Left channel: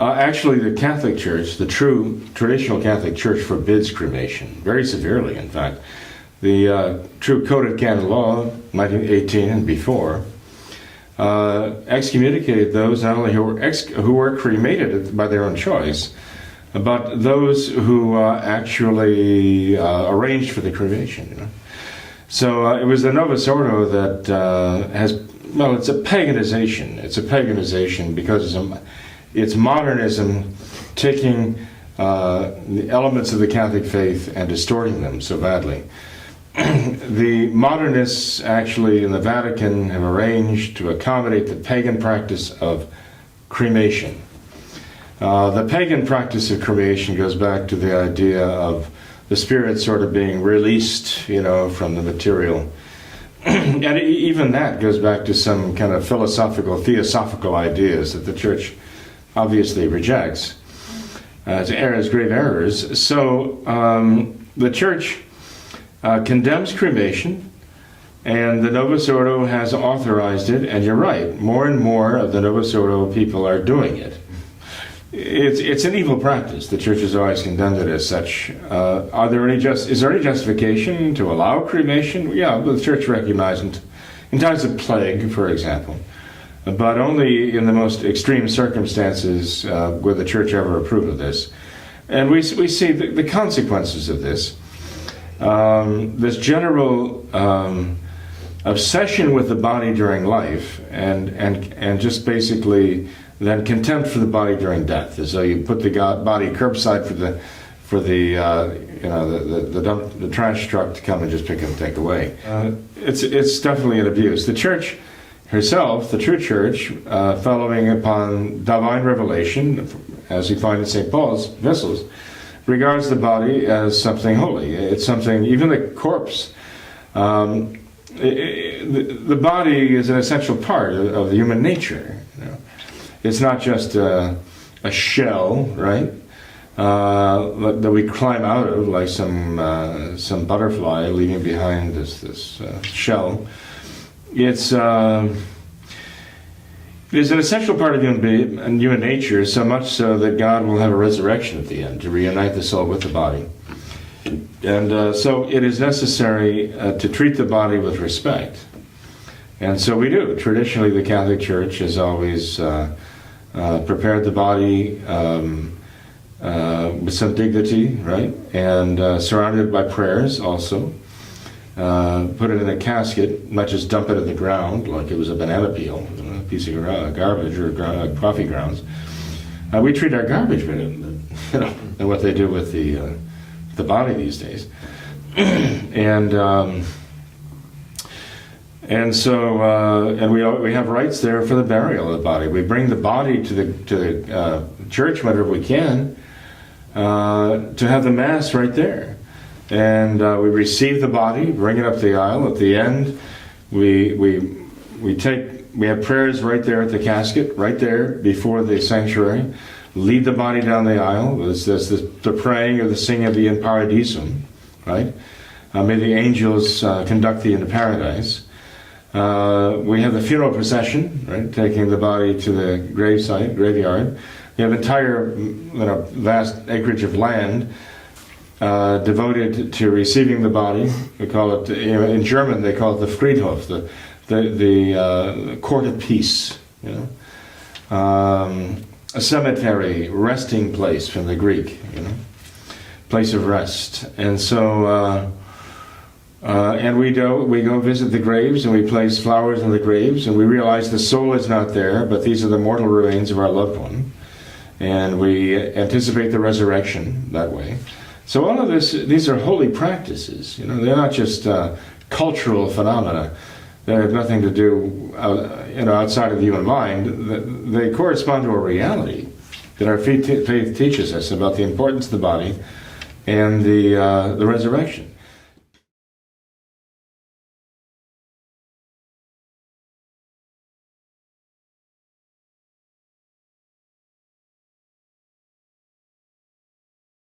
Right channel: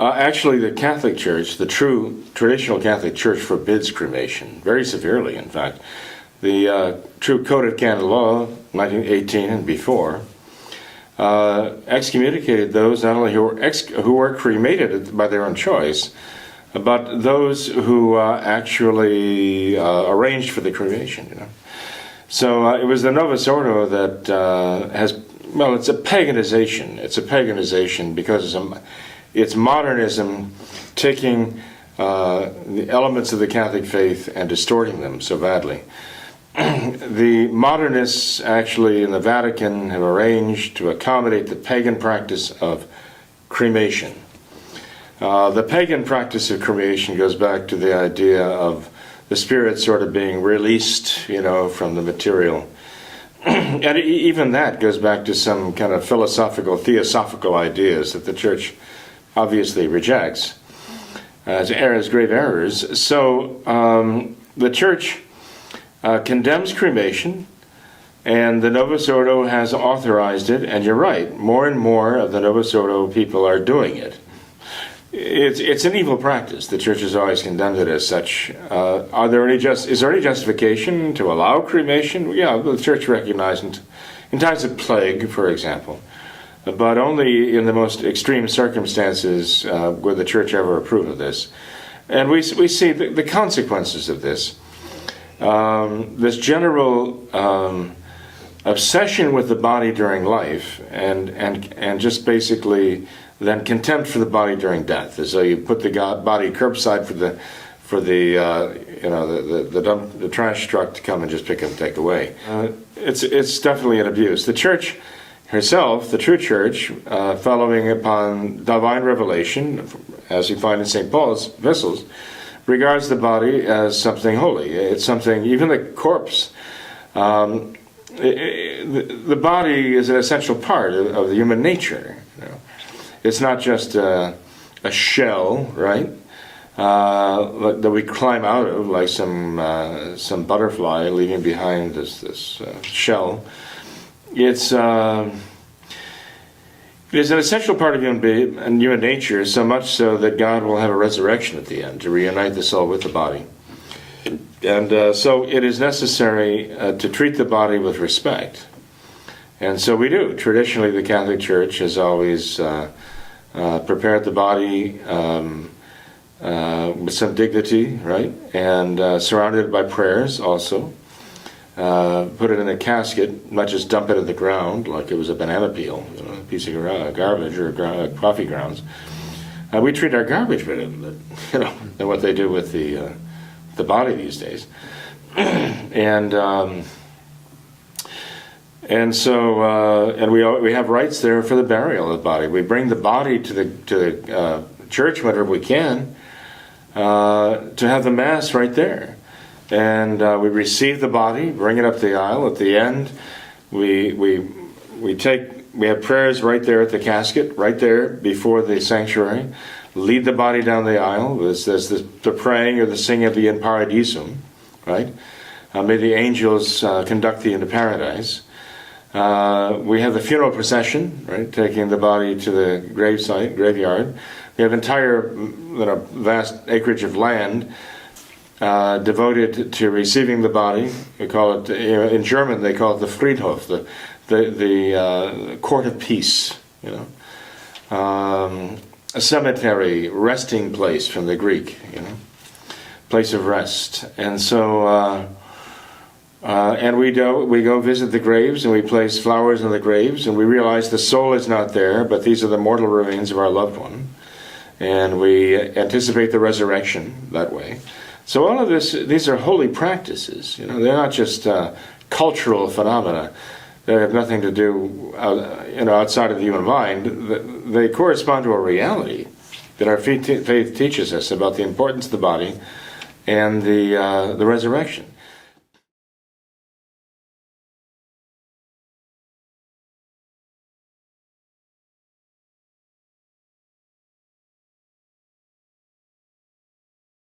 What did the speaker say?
Actually, the Catholic Church, the true traditional Catholic Church, forbids cremation, very severely, in fact. The true Code of Canon Law, 1918 and before, excommunicated those not only who were cremated by their own choice, but those who actually arranged for the cremation. You know? So it was the Novus Ordo that has, well, it's a paganization. It's a paganization because it's modernism taking the elements of the Catholic faith and distorting them so badly. The modernists actually in the Vatican have arranged to accommodate the pagan practice of cremation. The pagan practice of cremation goes back to the idea of the spirit sort of being released, you know, from the material. And even that goes back to some kind of philosophical, theosophical ideas that the Church obviously rejects as grave errors. So the Church condemns cremation, and the Novus Ordo has authorized it, and you're right, more and more of the Novus Ordo people are doing it. It's an evil practice. The Church has always condemned it as such. Is there any justification to allow cremation? Yeah, the Church recognizes in times of plague, for example, but only in the most extreme circumstances would the Church ever approve of this. And we see the consequences of this. This general obsession with the body during life, and just basically then contempt for the body during death, as though you put the body curbside for the trash truck to come and just pick up and take away. It's definitely an abuse. The Church herself, the true Church, following upon divine revelation, as we find in St. Paul's epistles, regards the body as something holy. It's something, even the corpse. The body is an essential part of human nature. You know? It's not just a shell, right? That we climb out of, like some butterfly leaving behind this shell. It's an essential part of human nature, so much so that God will have a resurrection at the end to reunite the soul with the body. And so it is necessary to treat the body with respect. And so we do. Traditionally, the Catholic Church has always prepared the body with some dignity, right? And surrounded by prayers also. Put it in a casket, not just dump it in the ground like it was a banana peel, a piece of garbage or coffee grounds. We treat our garbage better than what they do with the body these days. And so we have rites there for the burial of the body. We bring the body to the church whenever we can to have the Mass right there. And we receive the body, bring it up the aisle. At the end, we have prayers right there at the casket, right there before the sanctuary. Lead the body down the aisle. There's the praying or the singing of the In Paradisum, right? May the angels conduct thee into paradise. We have the funeral procession, right, taking the body to the graveyard. We have entire vast acreage of land devoted to receiving the body. We call it, in German, they call it the Friedhof, the court of peace. You know, a cemetery, resting place from the Greek. You know, place of rest. And so, and we go visit the graves, and we place flowers on the graves, and we realize the soul is not there, but these are the mortal remains of our loved one, and we anticipate the resurrection that way. So all of these are holy practices. You know, they're not just cultural phenomena that have nothing to do, outside of the human mind. They correspond to a reality that our faith teaches us about the importance of the body and the resurrection.